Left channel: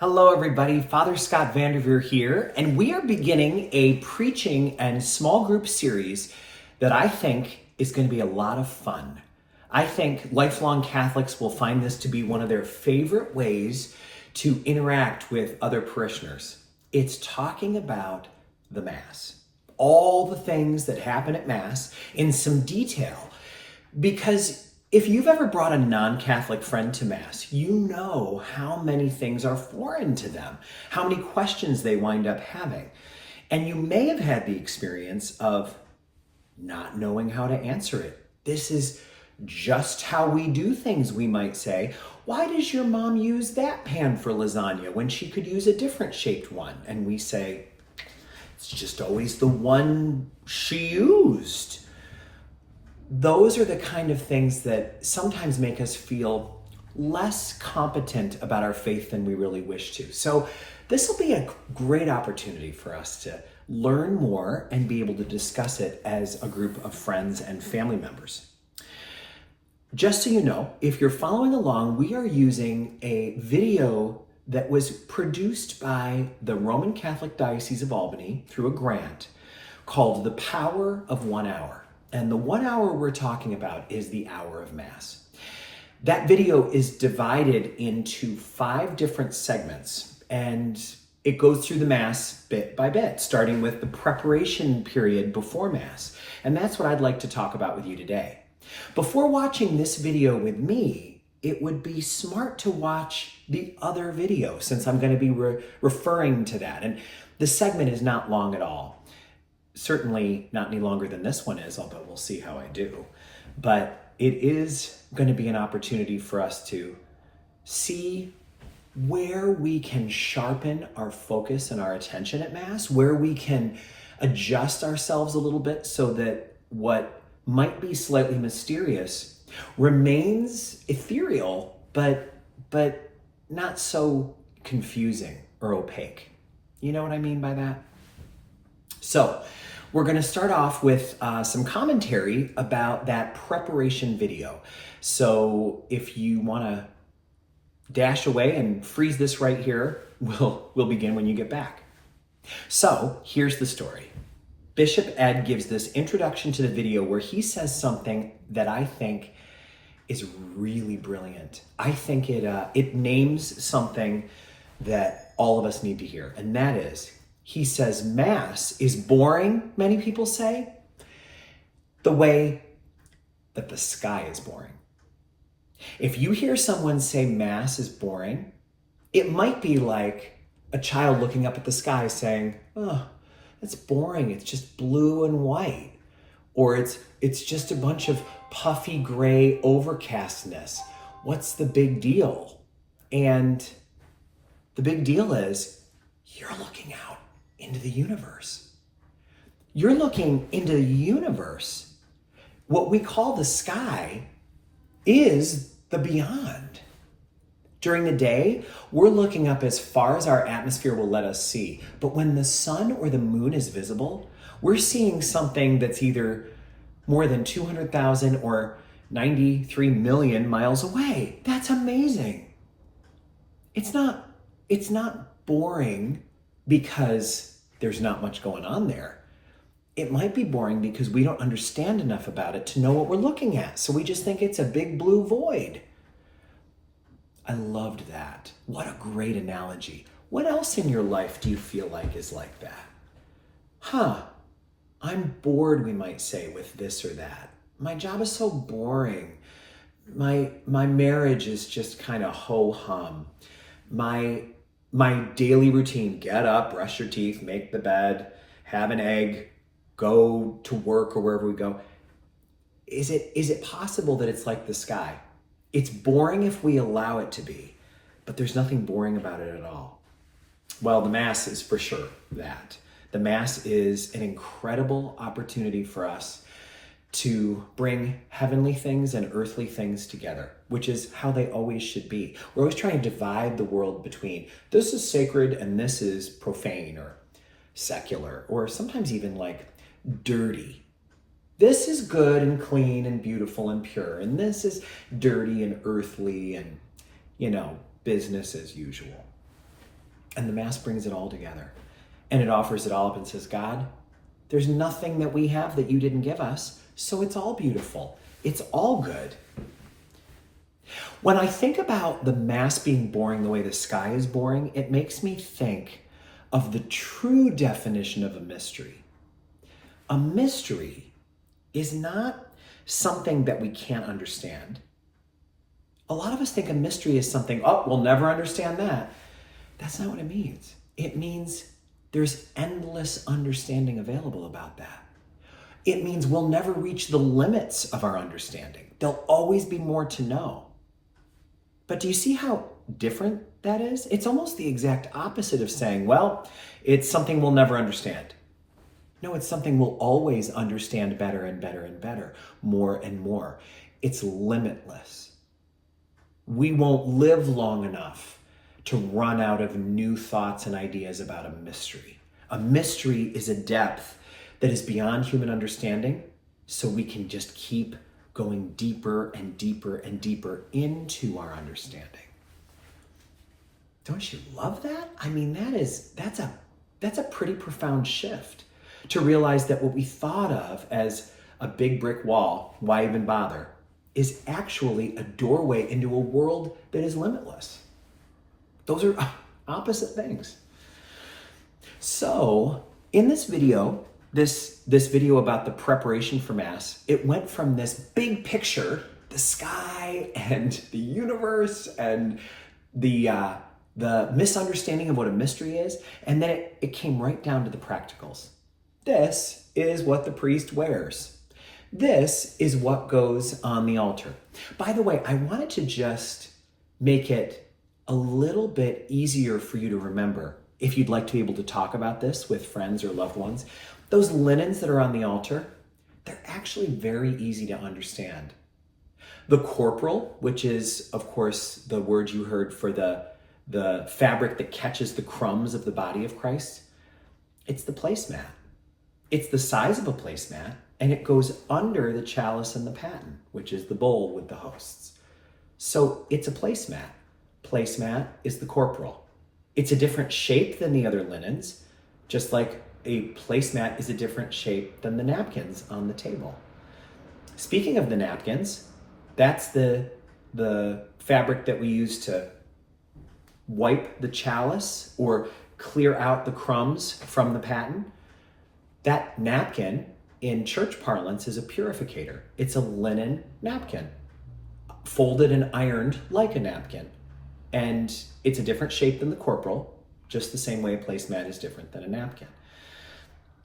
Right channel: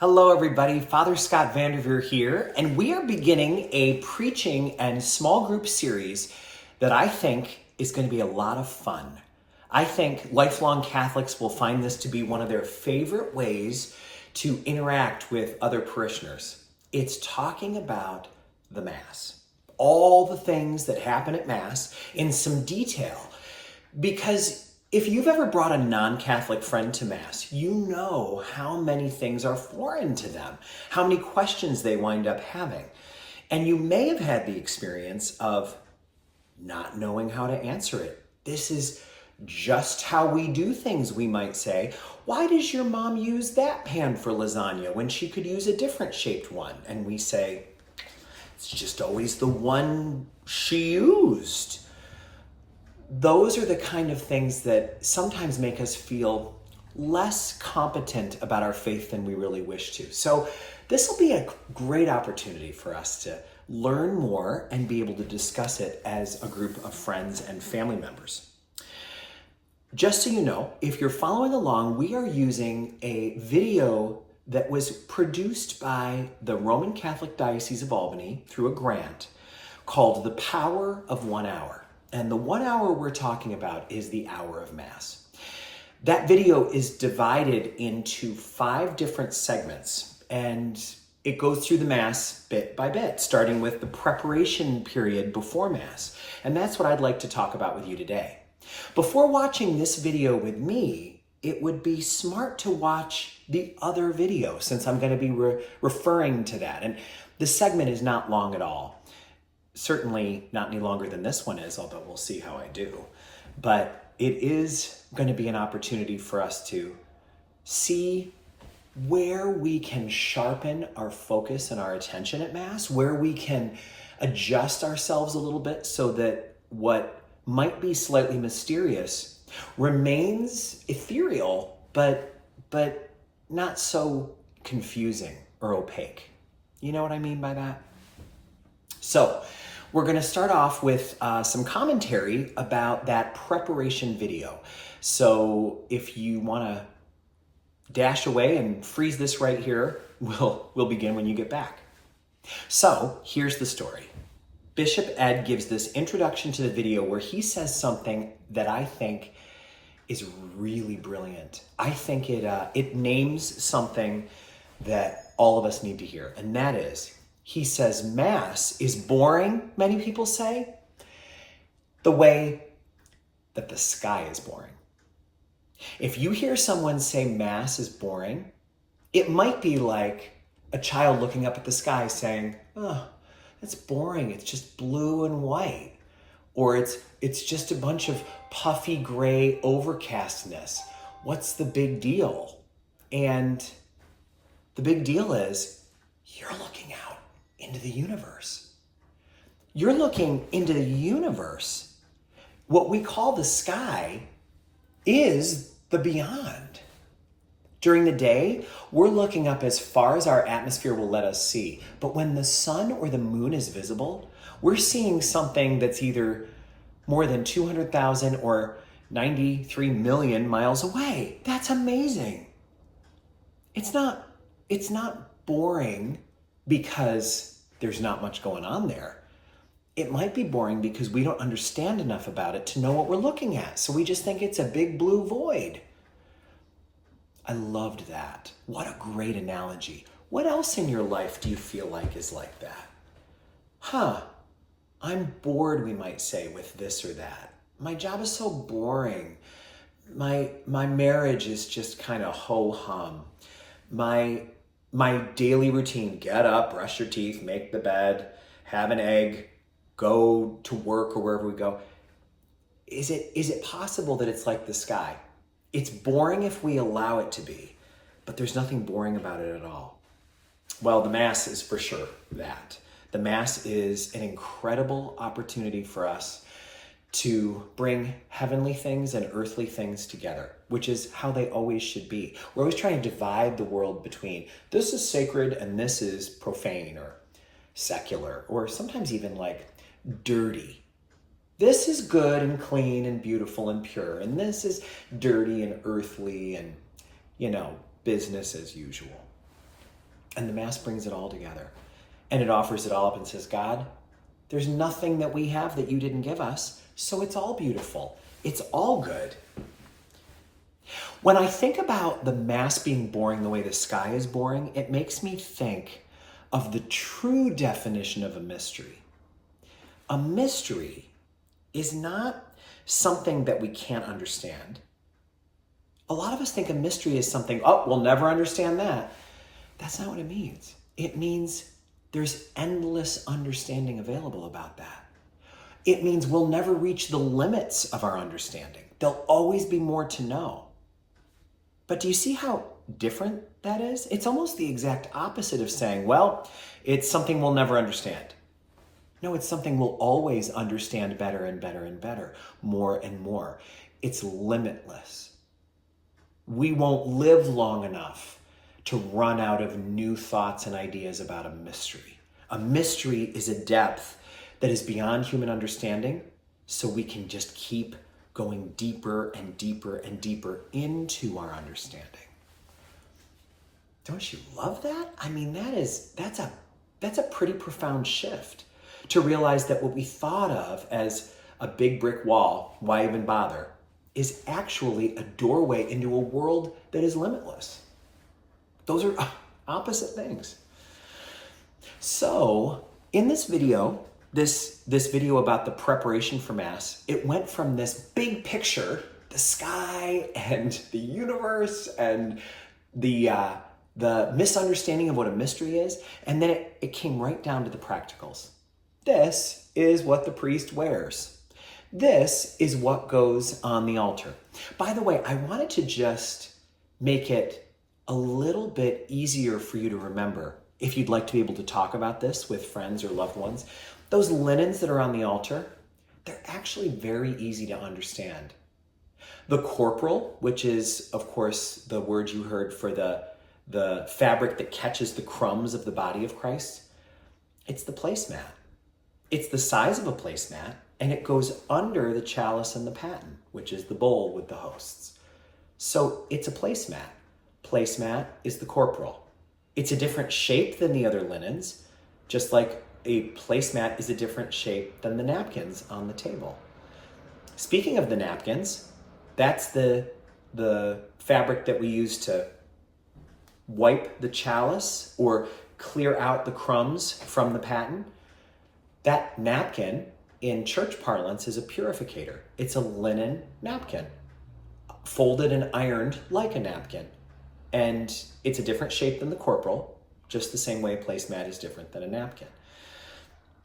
Hello, everybody. Father Scott Vanderveer here, and we are beginning a preaching and small group series that I think is going to be a lot of fun. I think lifelong Catholics will find this to be one of their favorite ways to interact with other parishioners. It's talking about the Mass, all the things that happen at Mass in some detail, because if you've ever brought a non-Catholic friend to Mass, you know how many things are foreign to them, how many questions they wind up having. And you may have had the experience of not knowing how to answer it. This is just how we do things, we might say. Why does your mom use that pan for lasagna when she could use a different shaped one? And we say, it's just always the one she used. Those are the kind of things that sometimes make us feel less competent about our faith than we really wish to. So this will be a great opportunity for us to learn more and be able to discuss it as a group of friends and family members. Just so you know, if you're following along, we are using a video that was produced by the Roman Catholic Diocese of Albany through a grant called The Power of 1 Hour. And the 1 hour we're talking about is the hour of Mass. That video is divided into 5 different segments, and it goes through the Mass bit by bit, starting with the preparation period before Mass. And that's what I'd like to talk about with you today. Before watching this video with me, it would be smart to watch the other video, since I'm going to be referring to that. And the segment is not long at all. Certainly not any longer than this one is, although we'll see how I do. But it is going to be an opportunity for us to see where we can sharpen our focus and our attention at Mass, where we can adjust ourselves a little bit so that what might be slightly mysterious remains ethereal, but not so confusing or opaque. You know what I mean by that? So we're going to start off with some commentary about that preparation video. So if you want to dash away and freeze this right here, we'll begin when you get back. So here's the story. Bishop Ed gives this introduction to the video where he says something that I think is really brilliant. I think it names something that all of us need to hear, and that is, he says, Mass is boring, many people say, the way that the sky is boring. If you hear someone say Mass is boring, it might be like a child looking up at the sky saying, oh, that's boring. It's just blue and white. Or it's just a bunch of puffy gray overcastness. What's the big deal? And the big deal is you're looking out into the universe. You're looking into the universe. What we call the sky is the beyond. During the day, we're looking up as far as our atmosphere will let us see. But when the sun or the moon is visible, we're seeing something that's either more than 200,000 or 93 million miles away. That's amazing. It's not boring because there's not much going on there. It might be boring because we don't understand enough about it to know what we're looking at. So we just think it's a big blue void. I loved that. What a great analogy. What else in your life do you feel like is like that? I'm bored, we might say, with this or that. My job is so boring. My marriage is just kind of ho-hum. My daily routine, get up, brush your teeth, make the bed, have an egg, go to work or wherever we go. Is it possible that it's like the sky? It's boring if we allow it to be, but there's nothing boring about it at all. Well, the Mass is for sure that. The Mass is an incredible opportunity for us to bring heavenly things and earthly things together, which is how they always should be. We're always trying to divide the world between this is sacred and this is profane or secular, or sometimes even like dirty. This is good and clean and beautiful and pure, and this is dirty and earthly and, business as usual. And the Mass brings it all together. And it offers it all up and says, God, there's nothing that we have that you didn't give us, so it's all beautiful. It's all good. When I think about the Mass being boring the way the sky is boring, it makes me think of the true definition of a mystery. A mystery is not something that we can't understand. A lot of us think a mystery is something, oh, we'll never understand that. That's not what it means. It means there's endless understanding available about that. It means we'll never reach the limits of our understanding. There'll always be more to know. But do you see how different that is? It's almost the exact opposite of saying, well, it's something we'll never understand. No, it's something we'll always understand better and better and better, more and more. It's limitless. We won't live long enough to run out of new thoughts and ideas about a mystery. A mystery is a depth that is beyond human understanding, so we can just keep going deeper and deeper and deeper into our understanding. Don't you love that? I mean, that's a pretty profound shift to realize that what we thought of as a big brick wall, why even bother, is actually a doorway into a world that is limitless. Those are opposite things. So in this video, this video about the preparation for Mass, it went from this big picture, the sky and the universe and the misunderstanding of what a mystery is, and then it came right down to the practicals. This is what the priest wears. This is what goes on the altar. By the way, I wanted to just make it a little bit easier for you to remember if you'd like to be able to talk about this with friends or loved ones. Those linens that are on the altar, they're actually very easy to understand. The corporal, which is, of course, the word you heard for the fabric that catches the crumbs of the body of Christ, it's the placemat. It's the size of a placemat, and it goes under the chalice and the paten, which is the bowl with the hosts. So it's a placemat. Placemat is the corporal. It's a different shape than the other linens, just like a placemat is a different shape than the napkins on the table. Speaking of the napkins, that's the fabric that we use to wipe the chalice or clear out the crumbs from the paten. That napkin in church parlance is a purificator. It's a linen napkin, folded and ironed like a napkin. And it's a different shape than the corporal, just the same way a placemat is different than a napkin.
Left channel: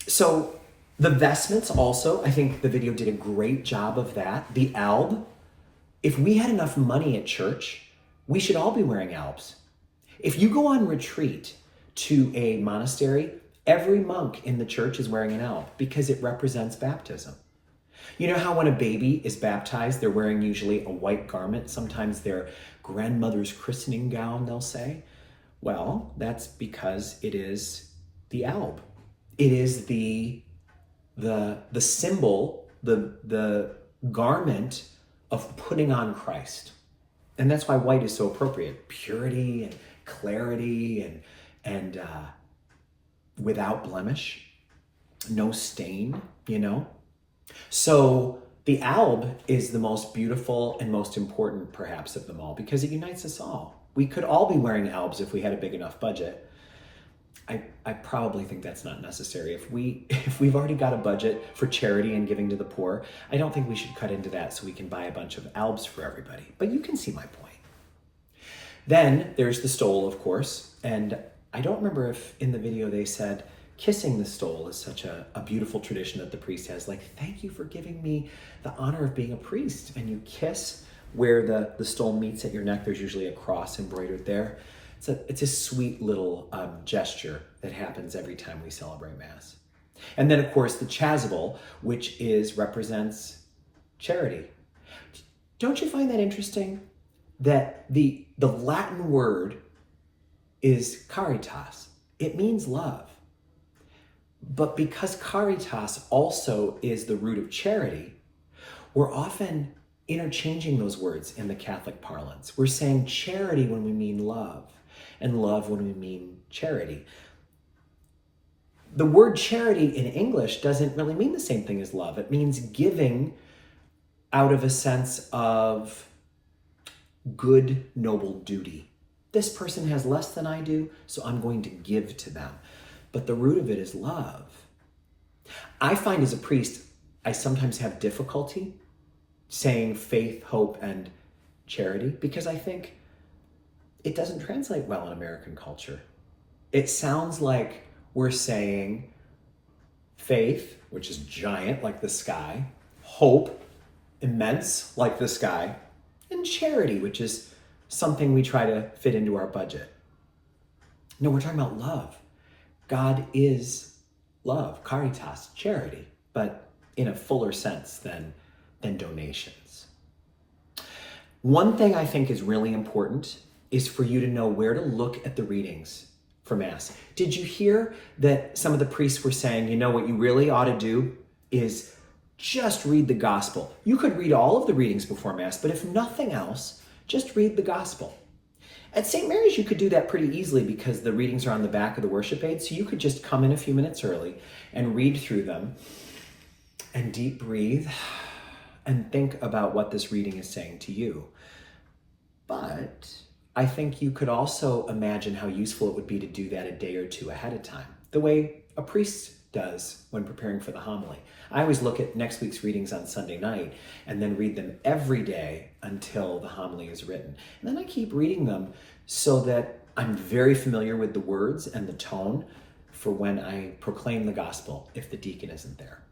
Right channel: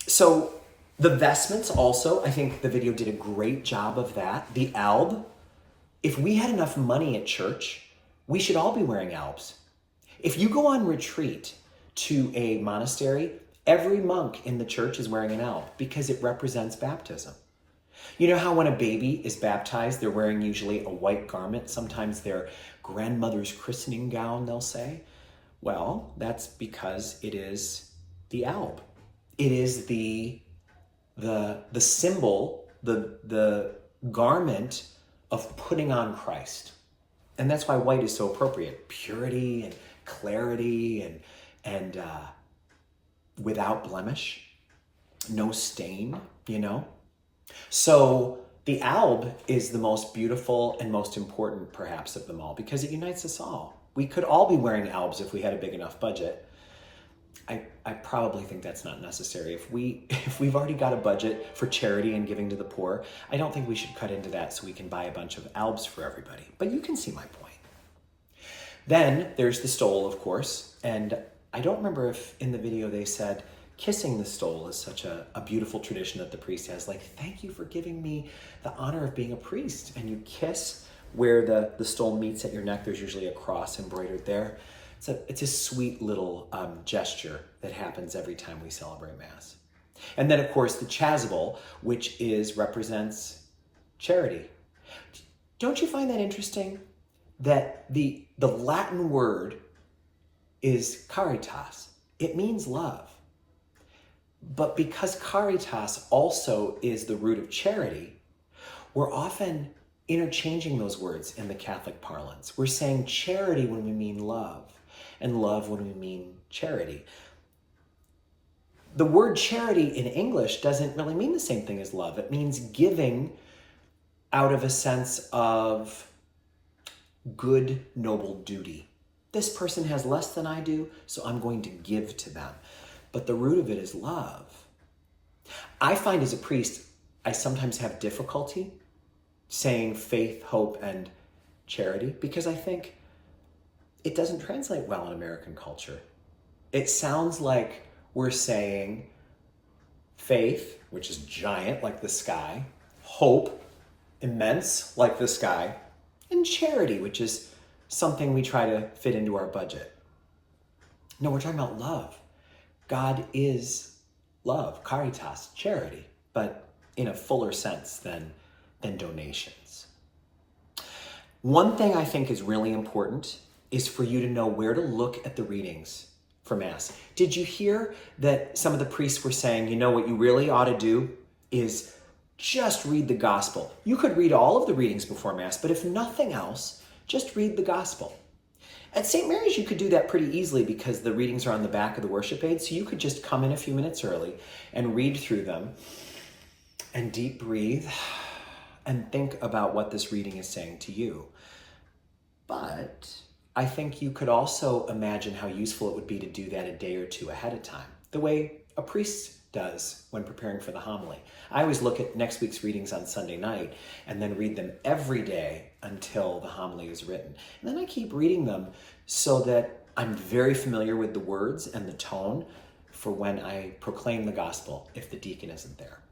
So the vestments also, I think the video did a great job of that. The alb, if we had enough money at church, we should all be wearing albs. If you go on retreat to a monastery, every monk in the church is wearing an alb because it represents baptism. You know how when a baby is baptized, they're wearing usually a white garment, sometimes their grandmother's christening gown, they'll say? Well, that's because it is the alb. It is the symbol, the garment of putting on Christ. And that's why white is so appropriate. Purity and clarity and without blemish, no stain, you know? So the alb is the most beautiful and most important, perhaps, of them all because it unites us all. We could all be wearing albs if we had a big enough budget. I probably think that's not necessary. If we've already got a budget for charity and giving to the poor, I don't think we should cut into that so we can buy a bunch of albs for everybody. But you can see my point. Then there's the stole, of course, and I don't remember if in the video they said kissing the stole is such a beautiful tradition that the priest has. Like, thank you for giving me the honor of being a priest. And you kiss where the stole meets at your neck. There's usually a cross embroidered there. It's a sweet little gesture that happens every time we celebrate Mass. And then, of course, the chasuble, which represents charity. Don't you find that interesting? That the Latin word is caritas. It means love. But because caritas also is the root of charity, we're often interchanging those words in the Catholic parlance. We're saying charity when we mean love. and love when we mean charity. The word charity in English doesn't really mean the same thing as love. It means giving out of a sense of good, noble duty. This person has less than I do, so I'm going to give to them. But the root of it is love. I find as a priest, I sometimes have difficulty saying faith, hope, and charity because I think it doesn't translate well in American culture. It sounds like we're saying faith, which is giant like the sky, hope, immense like the sky, and charity, which is something we try to fit into our budget. No, we're talking about love. God is love, caritas, charity, but in a fuller sense than donations. One thing I think is really important is for you to know where to look at the readings for Mass. Did you hear that some of the priests were saying, you know, what you really ought to do is just read the gospel. You could read all of the readings before Mass, but if nothing else, just read the gospel. At St. Mary's, you could do that pretty easily because the readings are on the back of the worship aid, so you could just come in a few minutes early and read through them and deep breathe and think about what this reading is saying to you. But I think you could also imagine how useful it would be to do that a day or two ahead of time, the way a priest does when preparing for the homily. I always look at next week's readings on Sunday night and then read them every day until the homily is written. And then I keep reading them so that I'm very familiar with the words and the tone for when I proclaim the gospel if the deacon isn't there.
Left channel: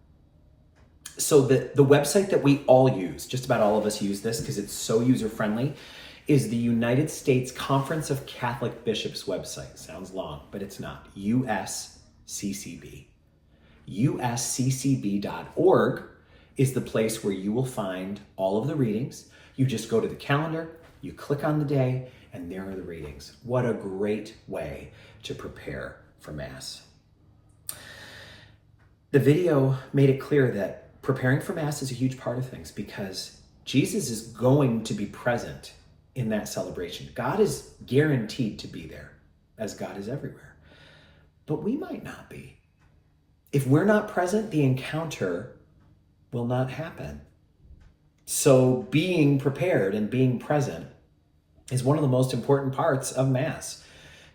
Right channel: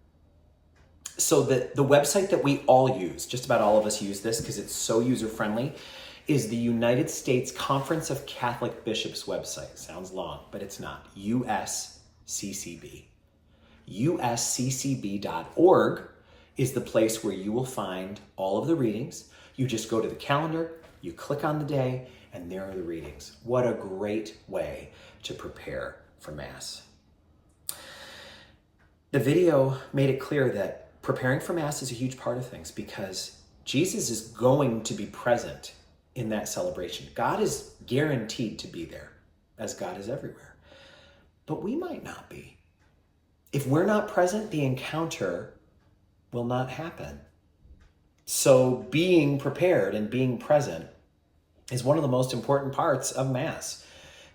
So the website that we all use, just about all of us use this because it's so user-friendly, is the United States Conference of Catholic Bishops website. Sounds long, but it's not. USCCB. USCCB.org is the place where you will find all of the readings. You just go to the calendar, you click on the day, and there are the readings. What a great way to prepare for Mass. The video made it clear that preparing for Mass is a huge part of things because Jesus is going to be present in that celebration. God is guaranteed to be there, as God is everywhere. But we might not be. If we're not present, the encounter will not happen. So being prepared and being present is one of the most important parts of Mass.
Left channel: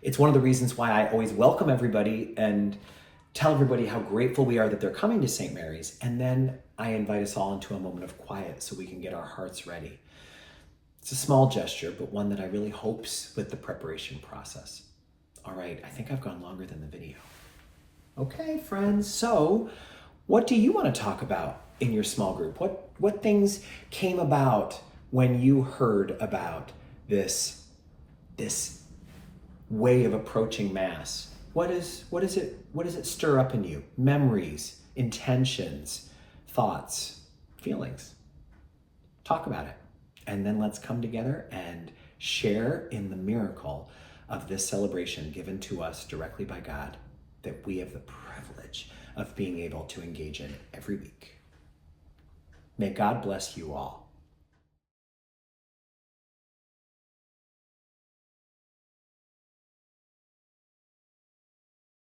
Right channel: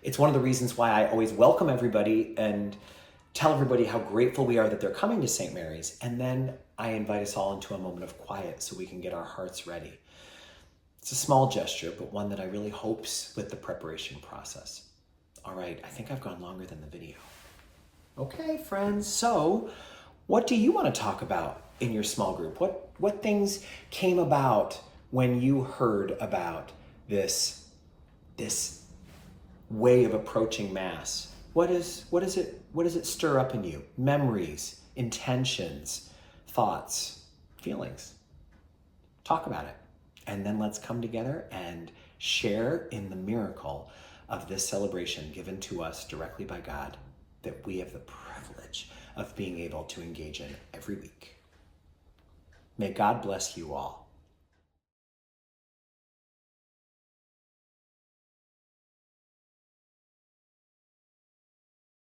It's one of the reasons why I always welcome everybody and tell everybody how grateful we are that they're coming to St. Mary's. And then I invite us all into a moment of quiet so we can get our hearts ready. It's a small gesture, but one that I really hopes with the preparation process. All right, I think I've gone longer than the video. Okay, friends, so what do you want to talk about in your small group? What things came about when you heard about this way of approaching Mass? What does it stir up in you? Memories, intentions, thoughts, feelings. Talk about it. And then let's come together and share in the miracle of this celebration given to us directly by God that we have the privilege of being able to engage in every week. May God bless you all.